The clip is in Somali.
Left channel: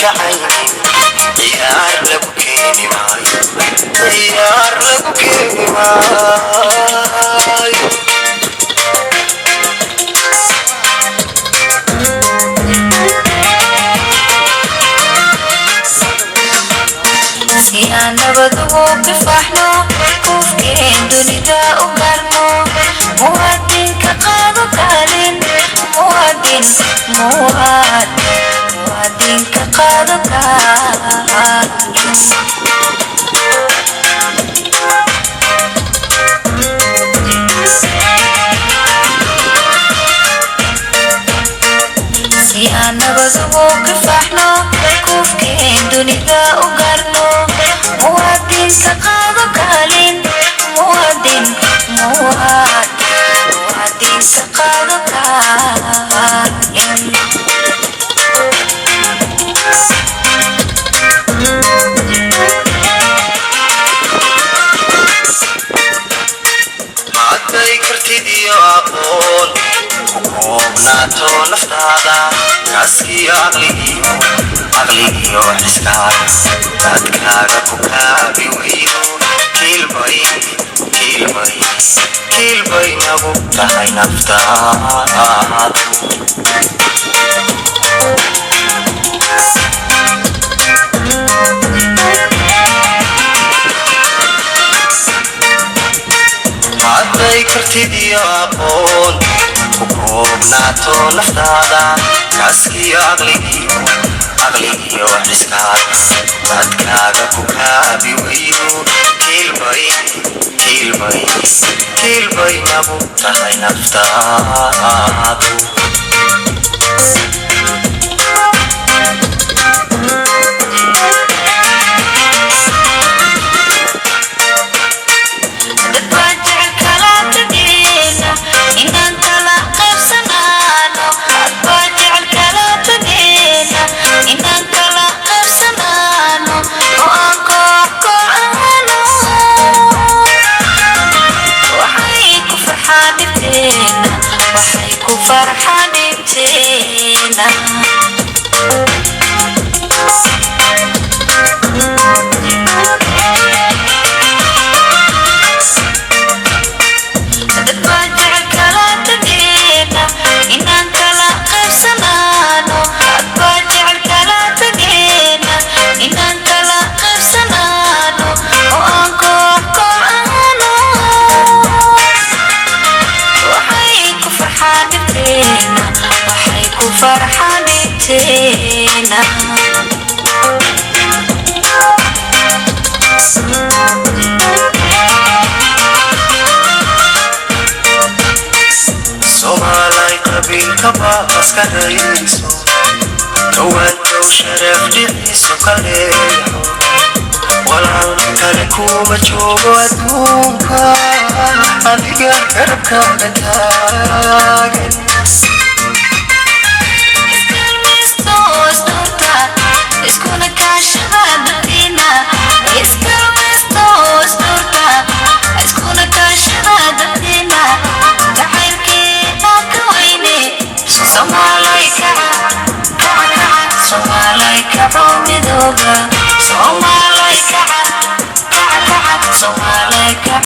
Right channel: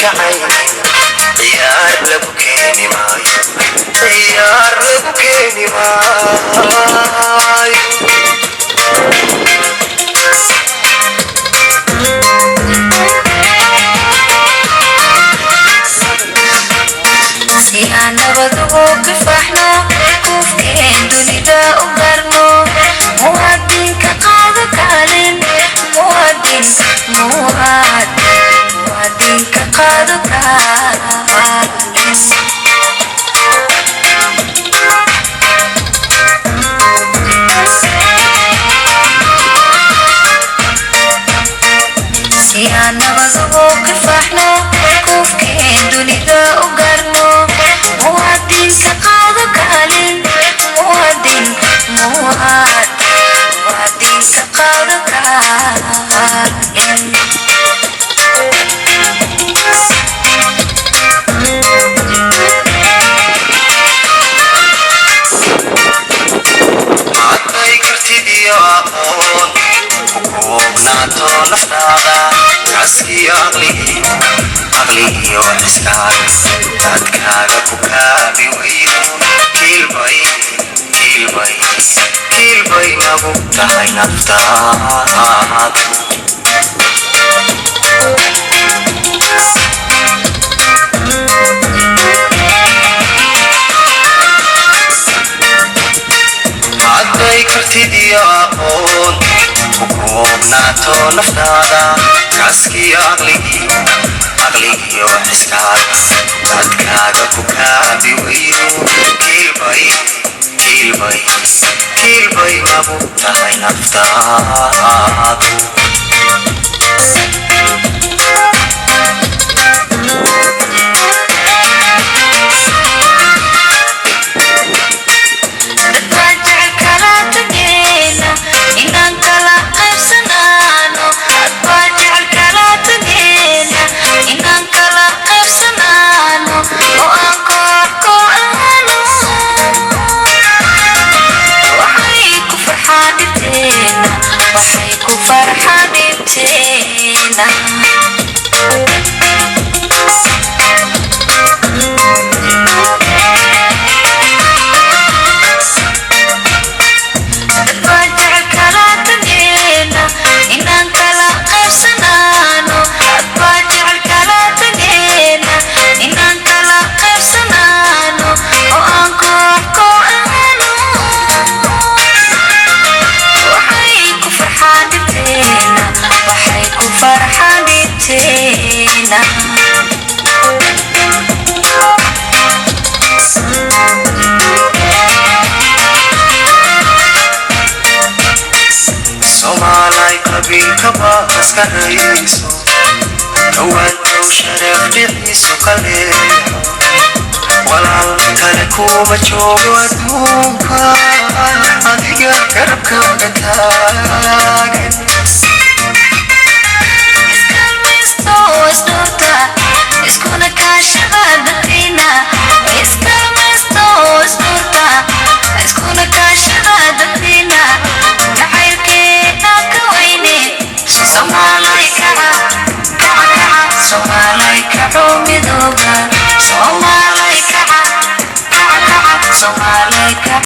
كعين عيار لبكيني ماي عيار لبكيني ماي si aan nabad ugu kifaxno kufkeen dunida u garno muwaadinka qaado kaalin muwaadinka qaado kaalin si aan nabad ugu kifaxno kufkeen dunida u garno muwaadinka qaado kaalin muwaadinka qaado kaalin عدي كرتدي أقول وكوبناتو نفنادا عسكي أغلي وحسكاد تادكادا كوكابي ويدون كيل باي نابو تحي نفتاد عدي كرتدي أقول وكوبناتو نفنادا عسكي أغلي وحسكاد تادكادا كوكابي ويدون كيل باي نابو تحي نفتاد waxay ku farxadeena inaan kala qaybsanaano adbaajecel kala tageena inaan kala qaybsanaano oo aan koox kooxaano waxay ku farxadeena Somalay qabiilka baa iska rayso kawaantow sharaf dhiciisu ka leexo walaal kale kuma joogo adduunka adiga garabkaaga taagan iskuna kaashadaadayna iskuna kaashadaadayna jacaylkeena ka weyne Somalay kaco midooba